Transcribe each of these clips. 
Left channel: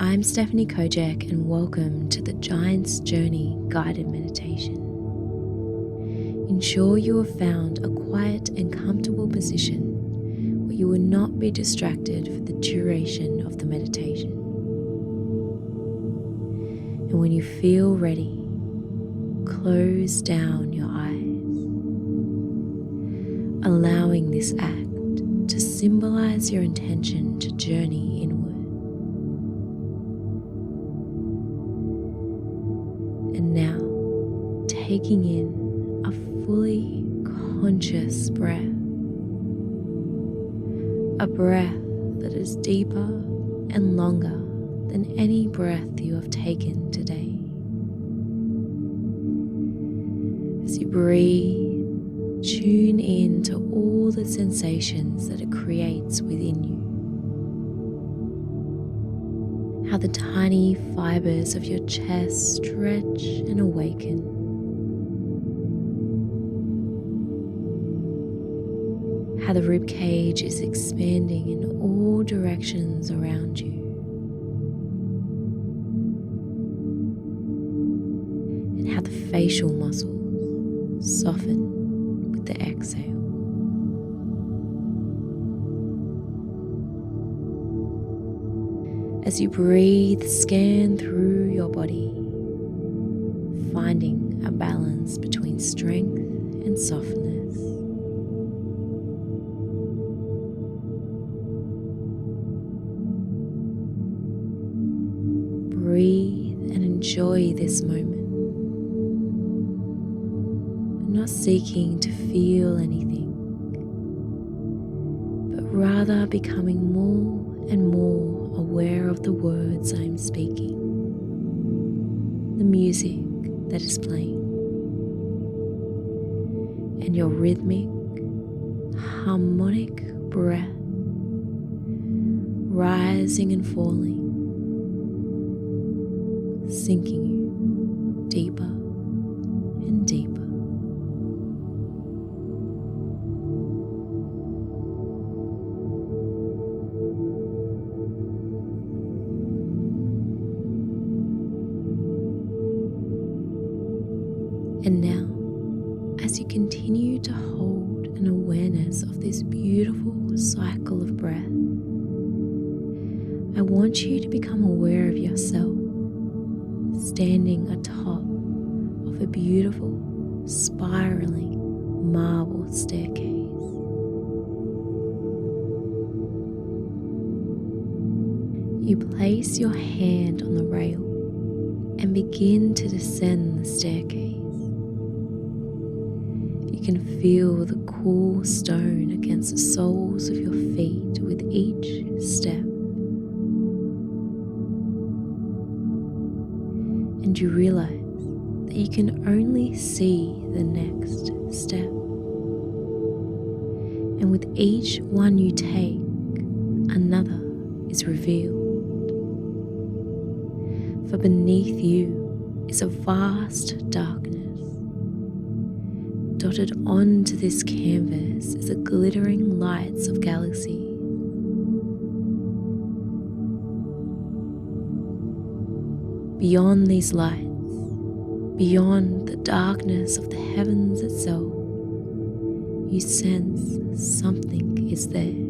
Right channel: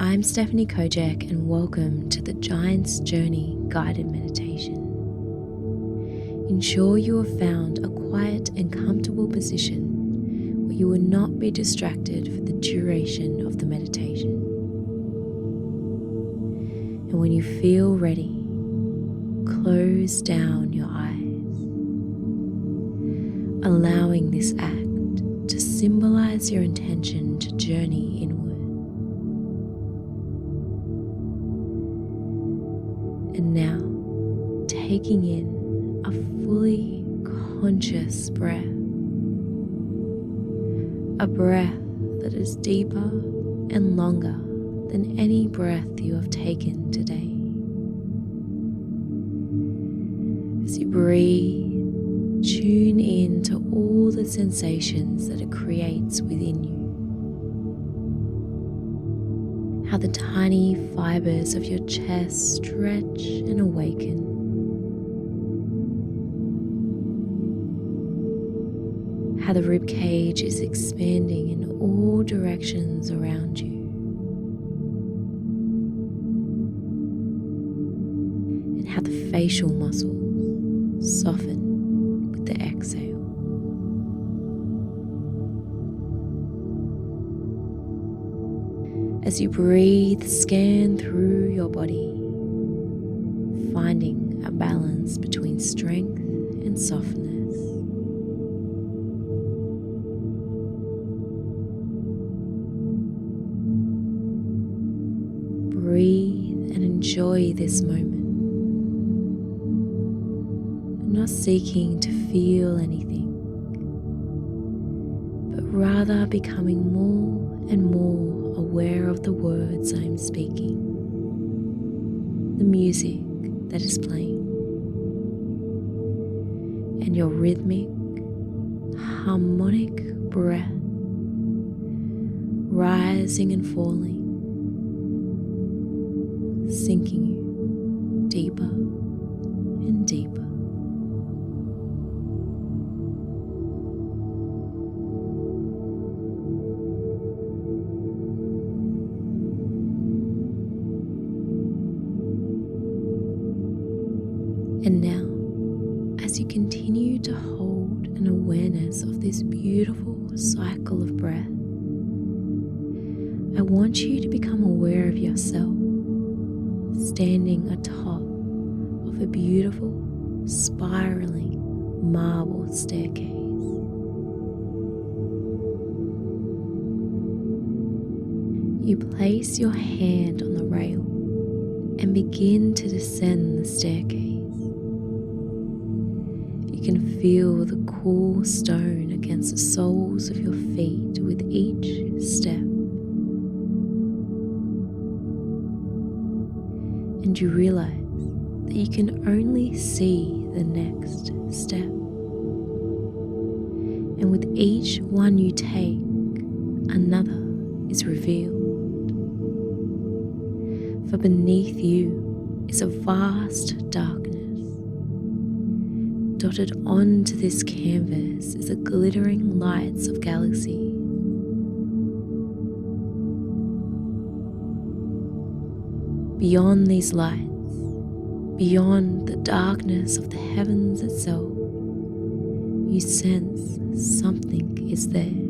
I'm Stephanie Kojec, and welcome to the Giant's Journey guided meditation. Ensure you have found a quiet and comfortable position where you will not be distracted for the duration of the meditation. And when you feel ready, close down your eyes, allowing this act to symbolize your intention to journey inward. And now, taking in a fully conscious breath, a breath that is deeper and longer than any breath you have taken today. As you breathe, tune in to all the sensations that it creates within you. How the tiny fibers of your chest stretch and awaken. How the rib cage is expanding in all directions around you. And how the facial muscles soften with the exhale. As you breathe, scan through your body, finding a balance between strength and softness. Breathe and enjoy this moment, not seeking to feel anything, but rather becoming more and more aware of the words I am speaking, the music that is playing, and your rhythmic, harmonic breath rising and falling, sinking you deeper and deeper. And now, as you continue to hold an awareness of this beautiful cycle of breath, I want you to become aware of yourself standing atop of a beautiful, spiraling marble staircase. You place your hand on the rail and begin to descend the staircase. You can feel the cool stone against the soles of your feet with each step. And you realize that you can only see the next step. And with each one you take, another is revealed. For beneath you is a vast darkness. Dotted onto this canvas is the glittering lights of galaxies. Beyond these lights, beyond the darkness of the heavens itself, you sense something is there,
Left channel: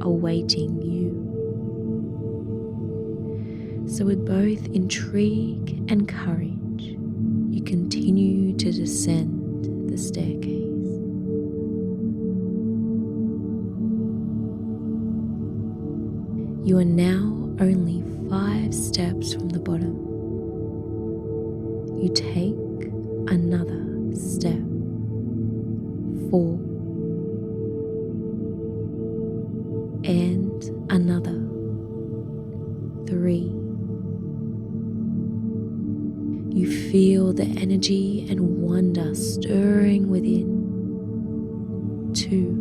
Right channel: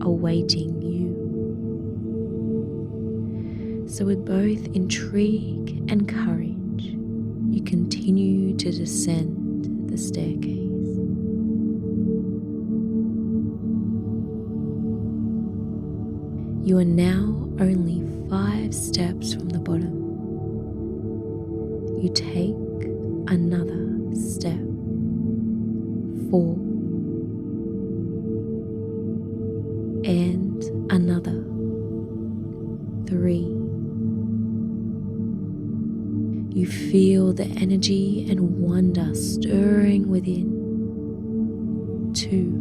awaiting you. So with both intrigue and courage, you continue to descend the staircase. You are now only 5 steps from the bottom. You take another step. 4. And another. 3. You feel the energy and wonder stirring within. 2.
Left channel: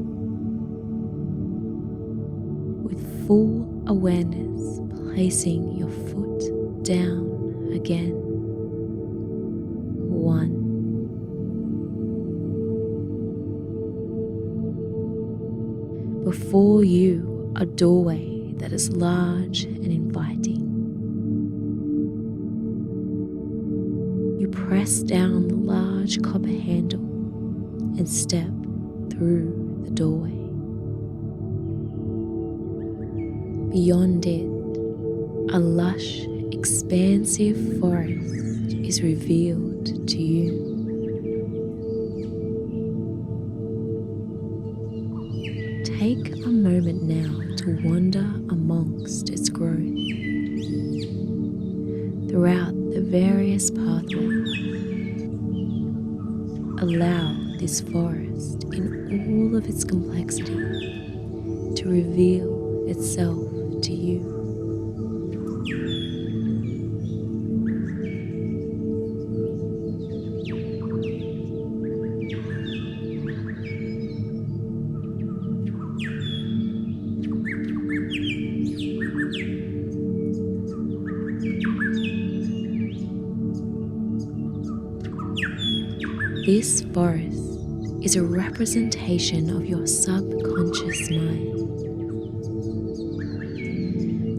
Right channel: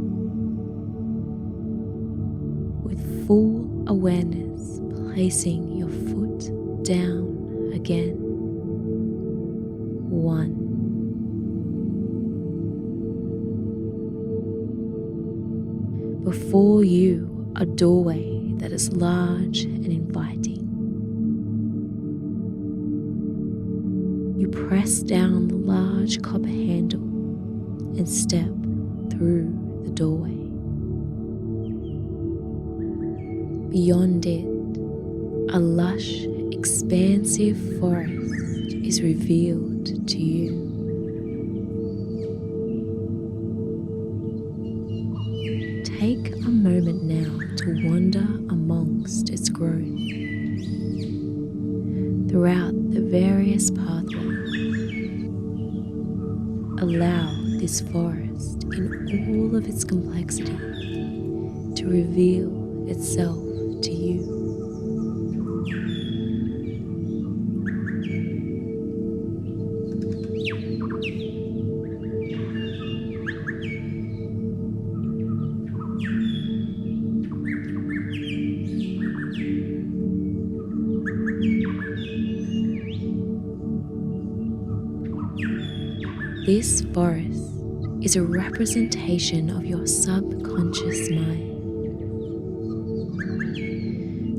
With full awareness, placing your foot down again. 1. Before you, a doorway that is large and inviting. You press down the large copper handle and step through the doorway. Beyond it, a lush, expansive forest is revealed to you. Take a moment now to wander amongst its growth. Throughout the various pathways, allow this forest in all of its complexity to reveal itself to you. This forest is a representation of your subconscious mind.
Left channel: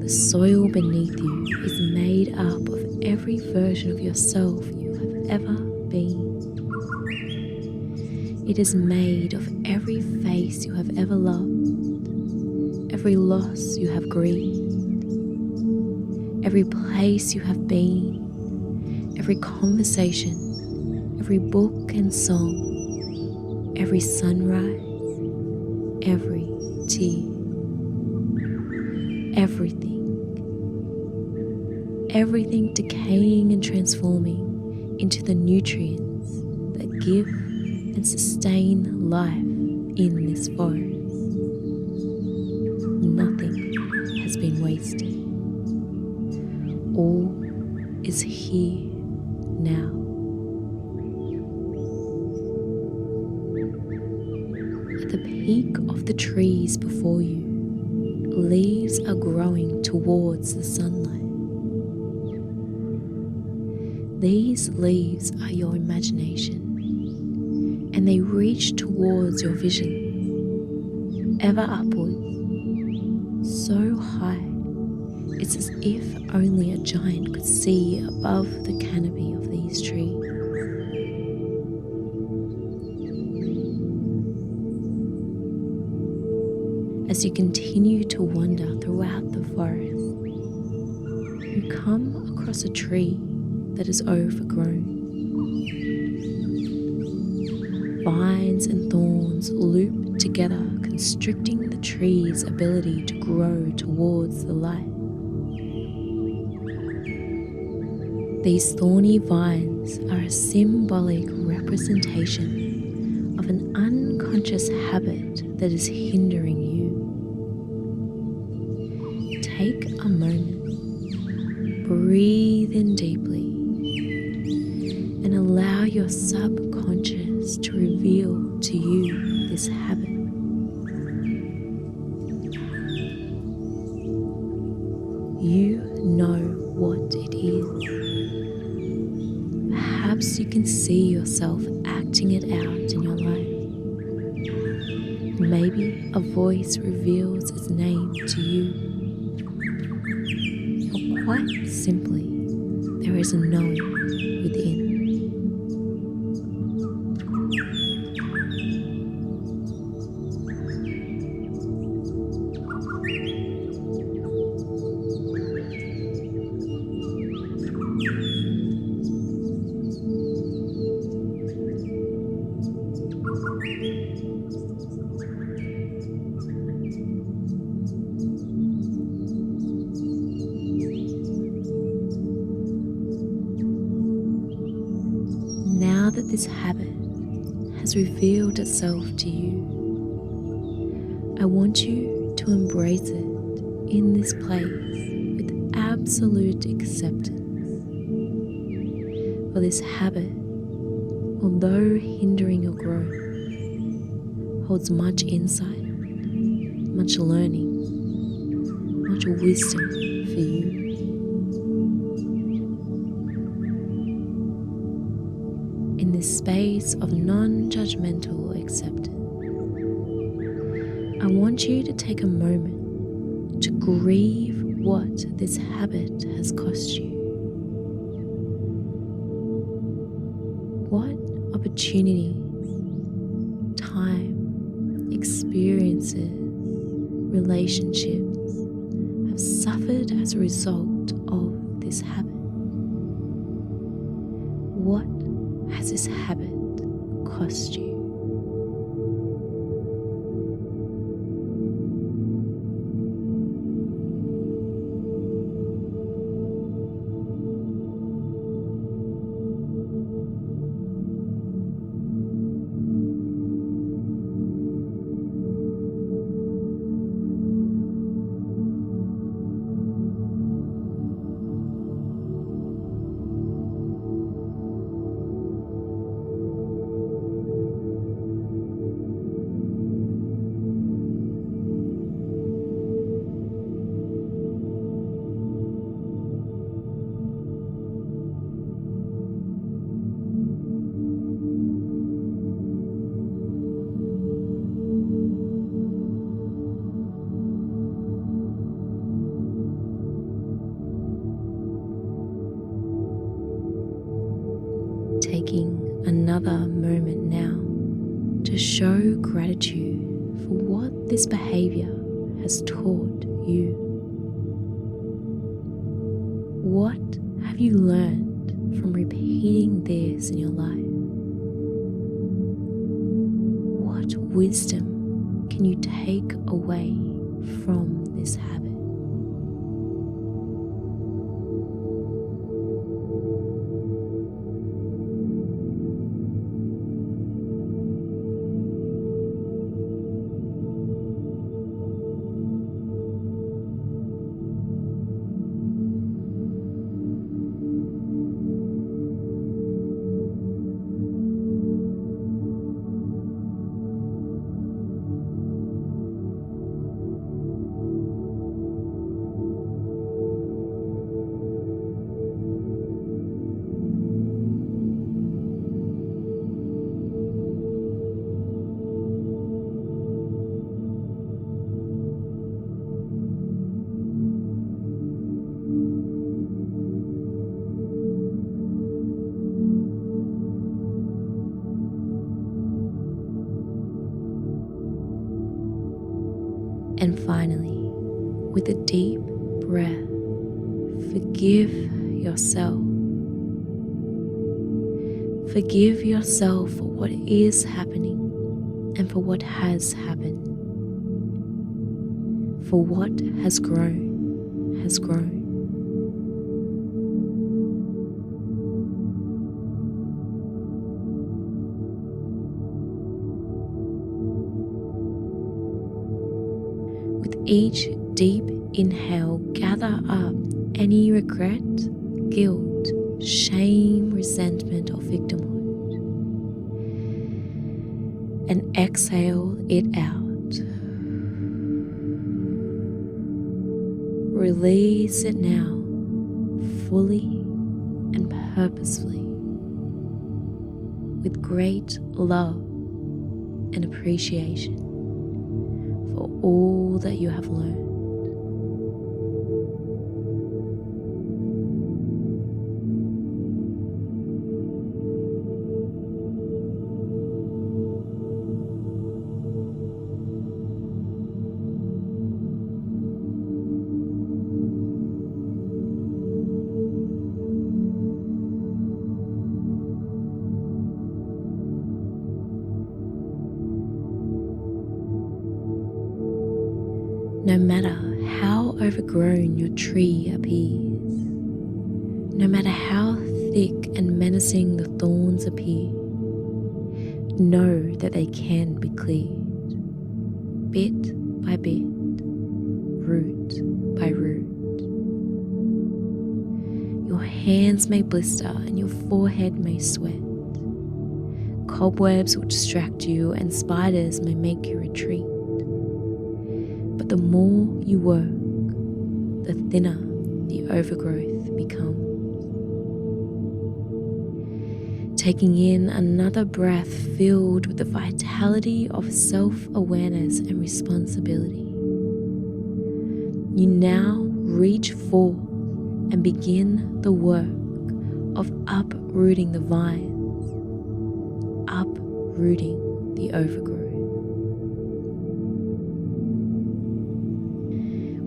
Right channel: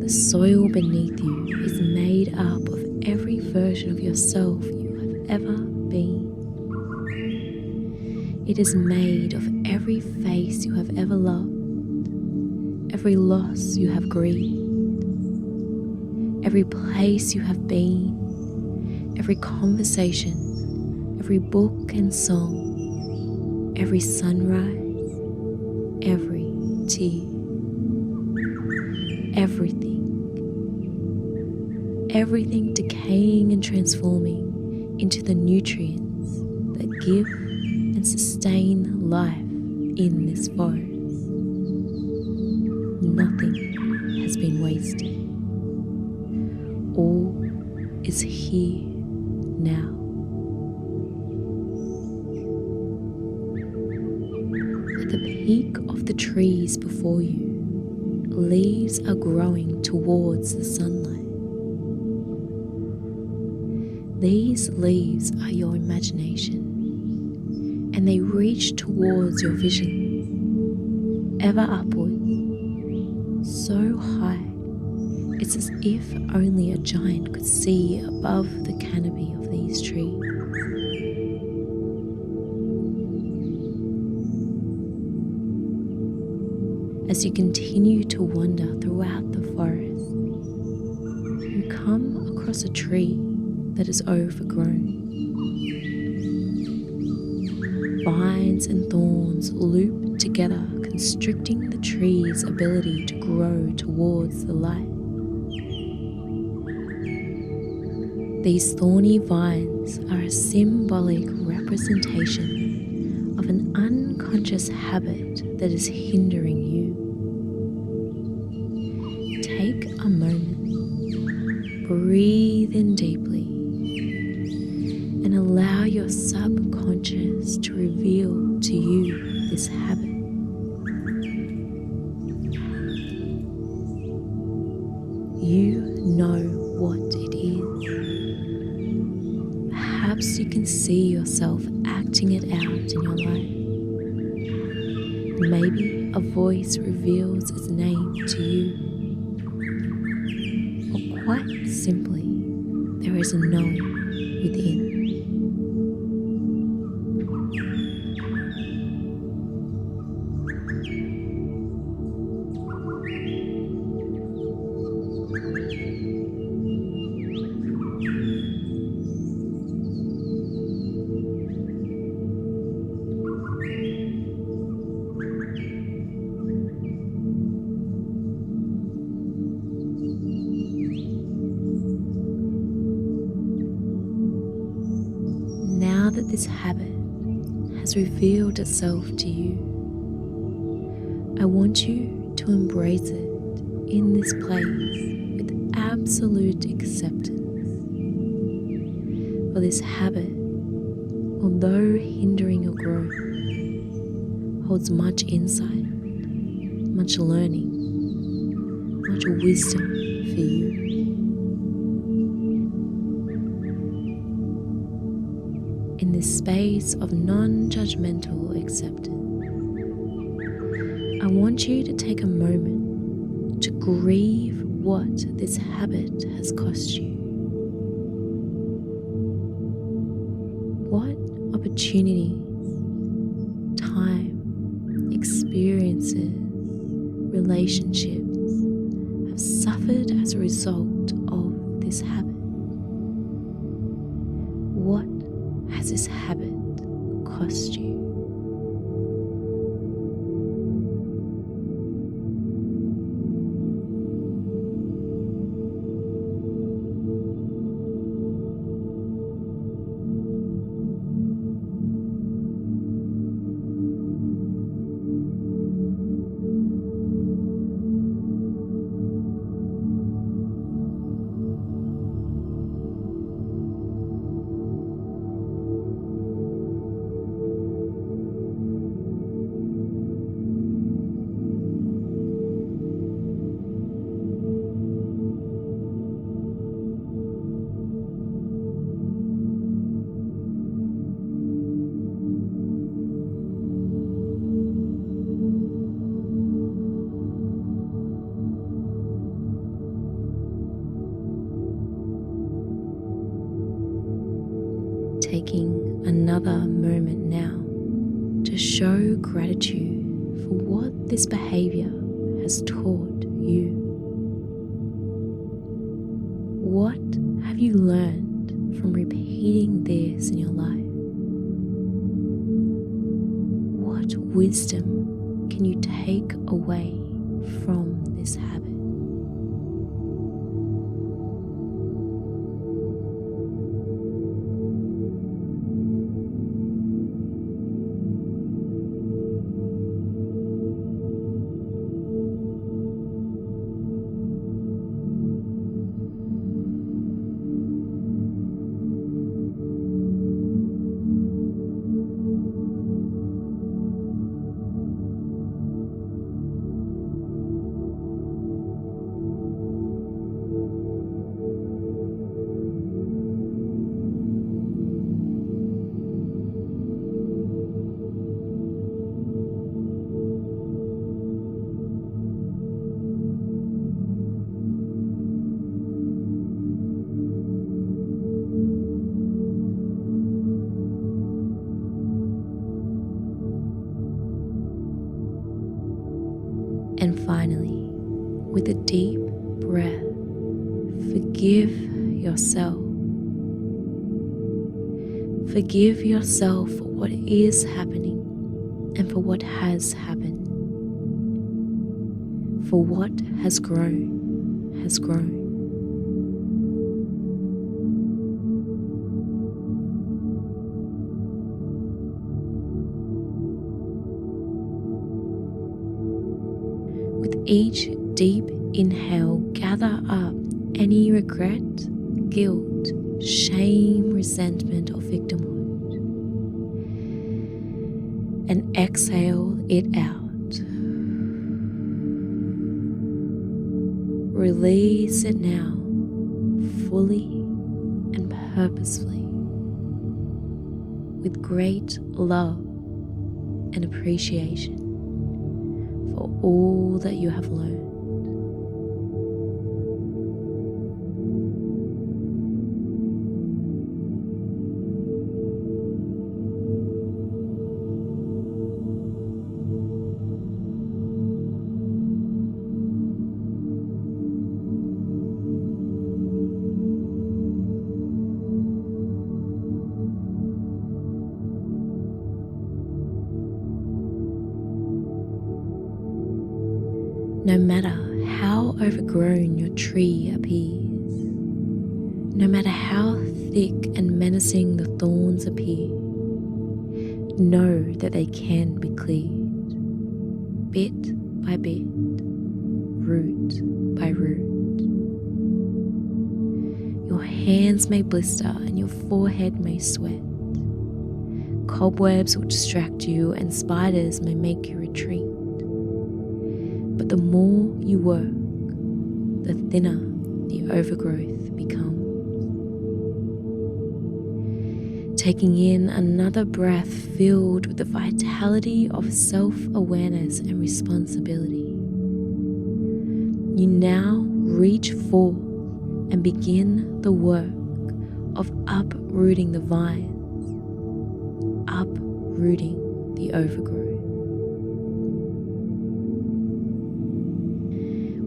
The soil beneath you is made up of every version of yourself you have ever been. It is made of every face you have ever loved, every loss you have grieved, every place you have been, every conversation, every book and song, every sunrise, every tear, everything decaying and transforming into the nutrients that give and sustain life in this forest. Nothing has been wasted. All is here now. At the peak of the trees before you, leaves are growing towards the sunlight. These leaves are your imagination, and they reach towards your vision, ever upwards, so high, it's as if only a giant could see above the canopy of these trees. As you continue to wander throughout the forest, you come across a tree that is overgrown. Vines and thorns loop together, constricting the tree's ability to grow towards the light. These thorny vines are a symbolic representation of an unconscious habit that is hindering you. Take a moment, breathe in deeply, and allow your subconscious to reveal to you this habit. You know what it is. Perhaps you can see yourself acting it out in your life. Maybe a voice reveals its name to you. Or quite simply, there is a knowing within. Now that this habit has revealed itself to you, I want you to embrace it in this place with absolute acceptance. For this habit, although hindering your growth, holds much insight, much learning, much wisdom for you. In this space of non-judgmental acceptance, I want you to take a moment to grieve what this habit has cost you. What opportunities, time, experiences, relationships have suffered as a result of this habit? What has this habit cost you? Taking another moment now to show gratitude for what this behavior has taught you. What have you learned from repeating this in your life? What wisdom can you take away from this habit? And finally, with a deep breath, forgive yourself. Forgive yourself for what is happening and for what has happened. For what has grown, has grown. With each deep inhale, gather up any regret, guilt, shame, resentment, or victimhood, and exhale it out. Release it now, fully and purposefully, with great love and appreciation for all that you have learned. No matter how overgrown your tree appears, no matter how thick and menacing the thorns appear, know that they can be cleared, bit by bit, root by root. Your hands may blister and your forehead may sweat. Cobwebs will distract you and spiders may make you retreat. But the more you work, the thinner the overgrowth becomes. Taking in another breath filled with the vitality of self-awareness and responsibility, You now reach forth and begin the work of uprooting the vines, uprooting the overgrowth.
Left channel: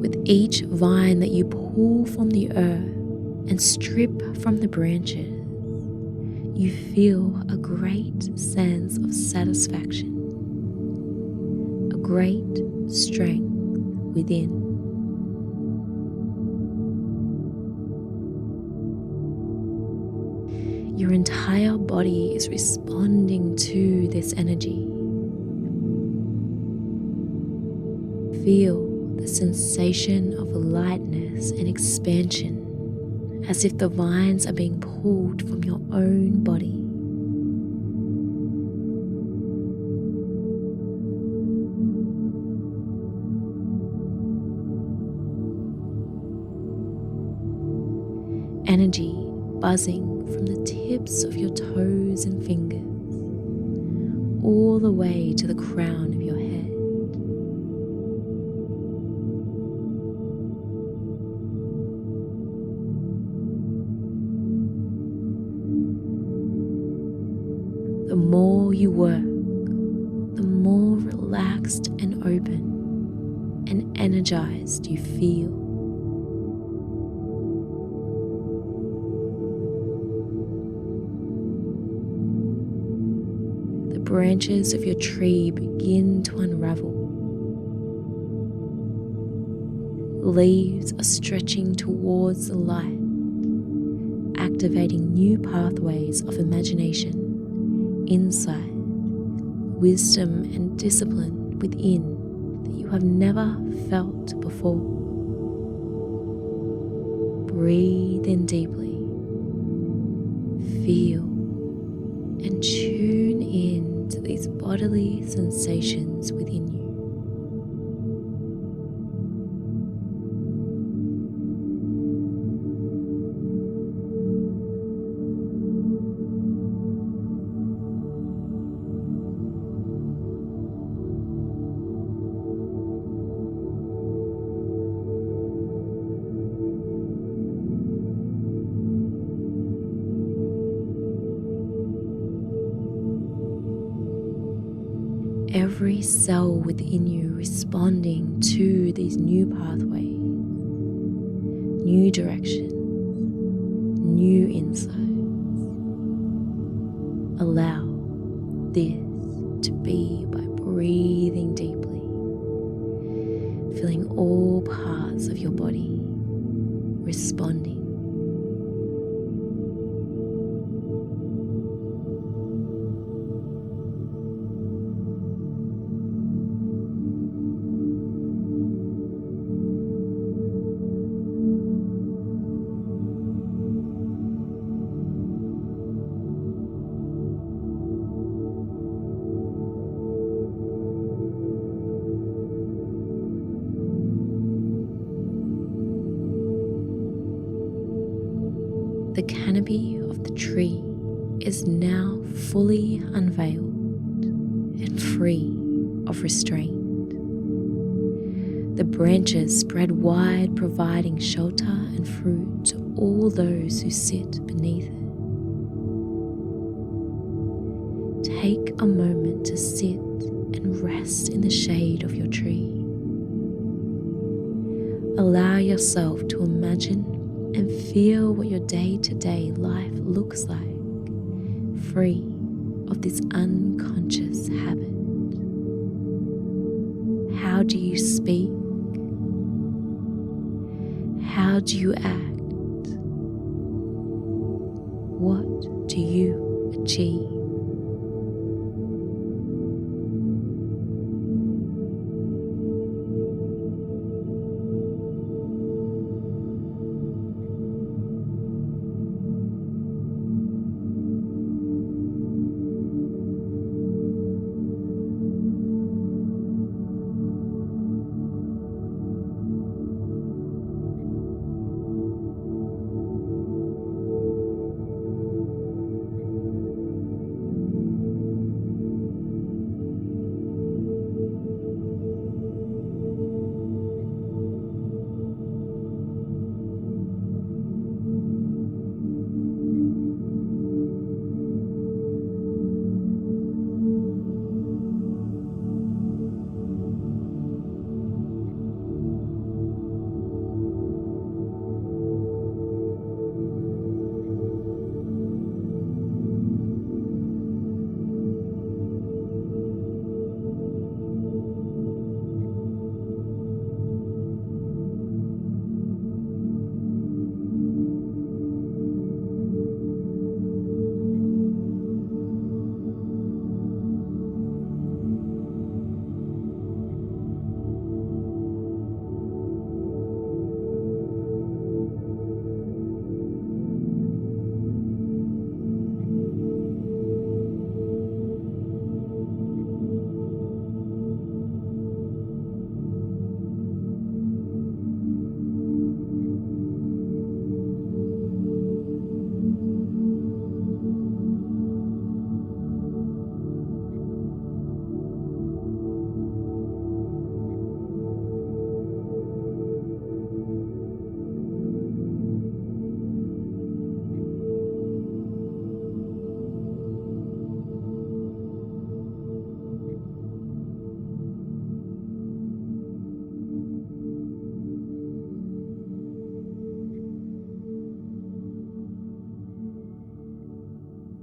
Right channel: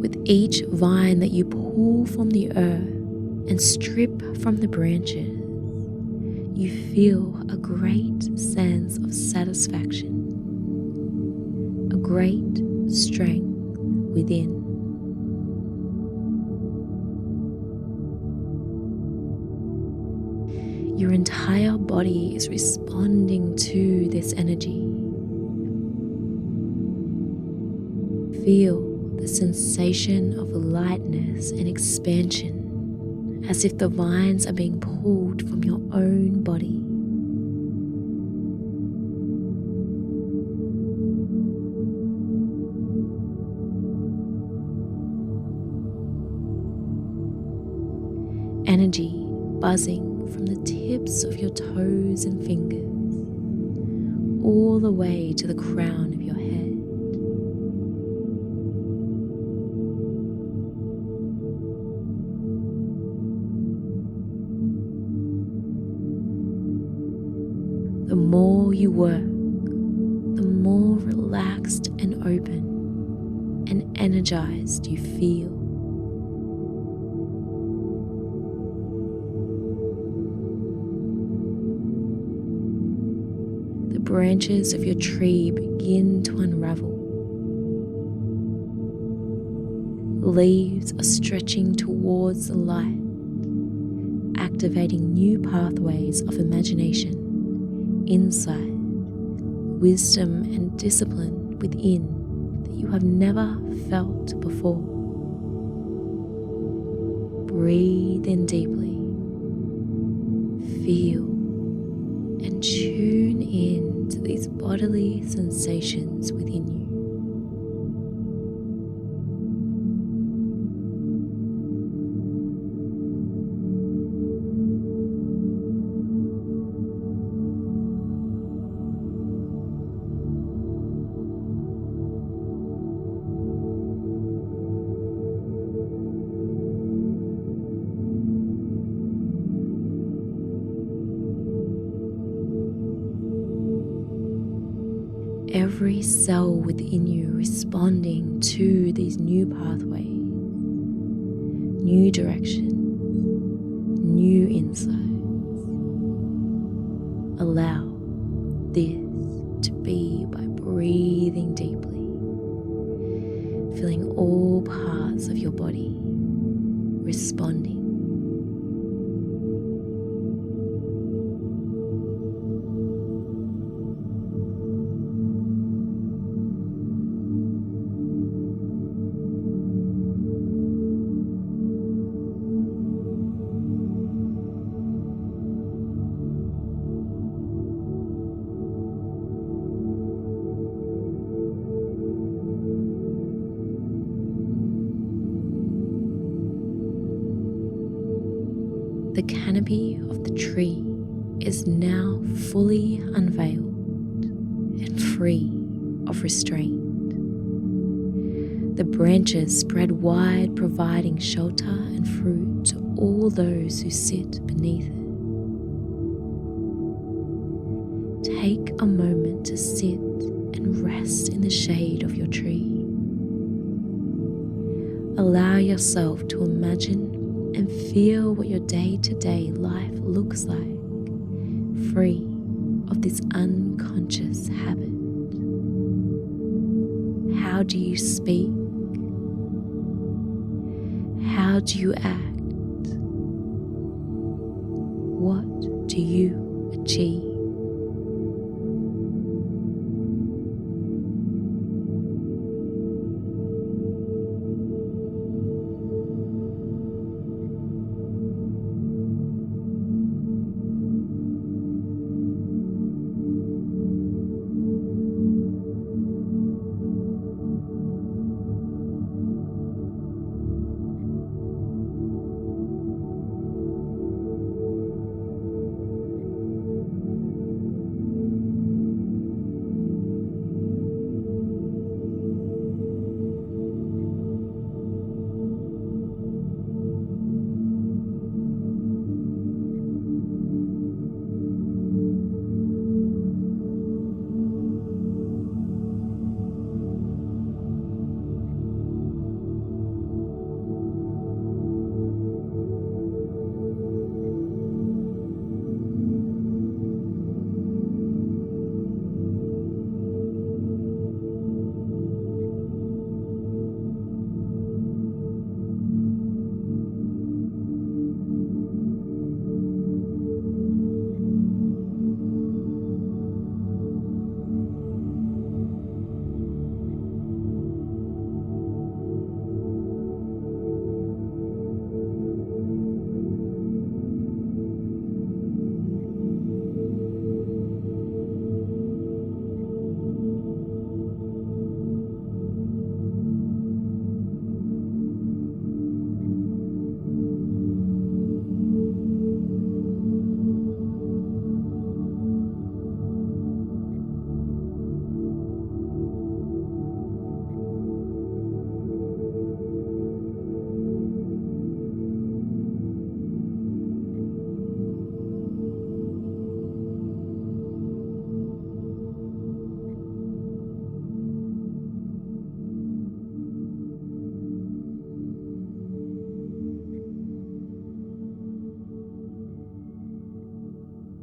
With each vine that you pull from the earth and strip from the branches, you feel a great sense of satisfaction, a great strength within. Your entire body is responding to this energy. Feel the sensation of lightness and expansion, as if the vines are being pulled from your own body. Energy buzzing from the tips of your toes and fingers all the way to the crown of your head. The more you work, the more relaxed and open and energized you feel. The branches of your tree begin to unravel. Leaves are stretching towards the light, activating new pathways of imagination, insight, wisdom, and discipline within that you have never felt before. Breathe in deeply. Feel and tune in to these bodily sensations within you. Every cell within you responding to these new pathways, new directions, new insights. Allow this to be by breathing deeply, feeling all parts of your body responding. The canopy of the tree is now fully unveiled and free of restraint. The branches spread wide, providing shelter and fruit to all those who sit beneath it. Take a moment to sit and rest in the shade of your tree. Allow yourself to imagine and feel what your day-to-day life looks like, free of this unconscious habit. How do you speak? How do you act? What do you achieve?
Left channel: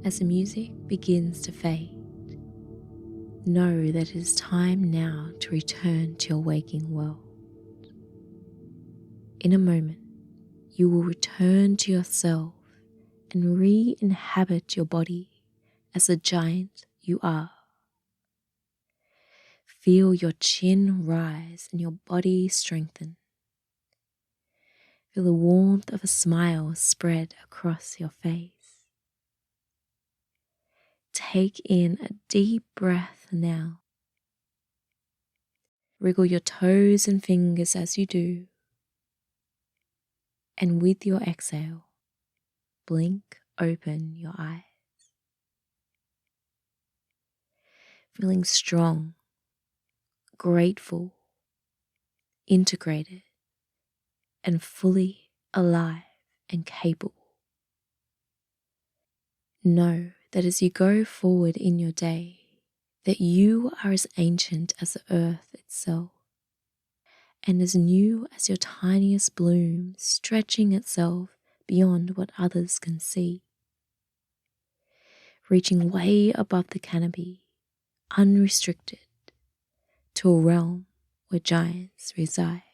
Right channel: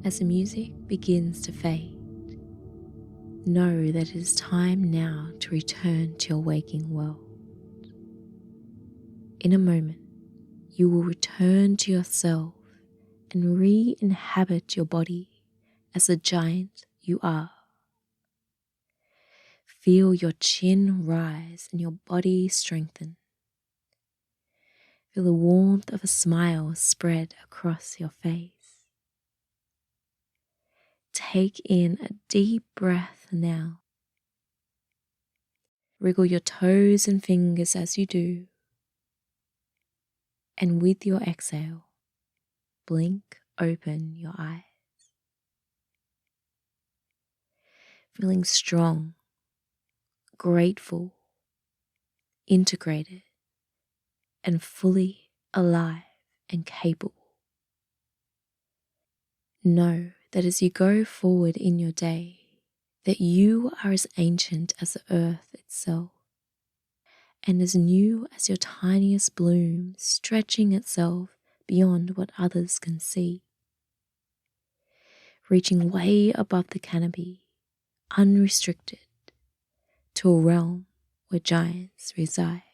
As the music begins to fade, know that it is time now to return to your waking world. In a moment, you will return to yourself and re-inhabit your body as the giant you are. Feel your chin rise and your body strengthen. Feel the warmth of a smile spread across your face. Take in a deep breath now. Wriggle your toes and fingers as you do. And with your exhale, blink open your eyes. Feeling strong, grateful, integrated, and fully alive and capable. Know that as you go forward in your day, that you are as ancient as the earth itself, and as new as your tiniest bloom, stretching itself beyond what others can see. Reaching way above the canopy, unrestricted, to a realm where giants reside.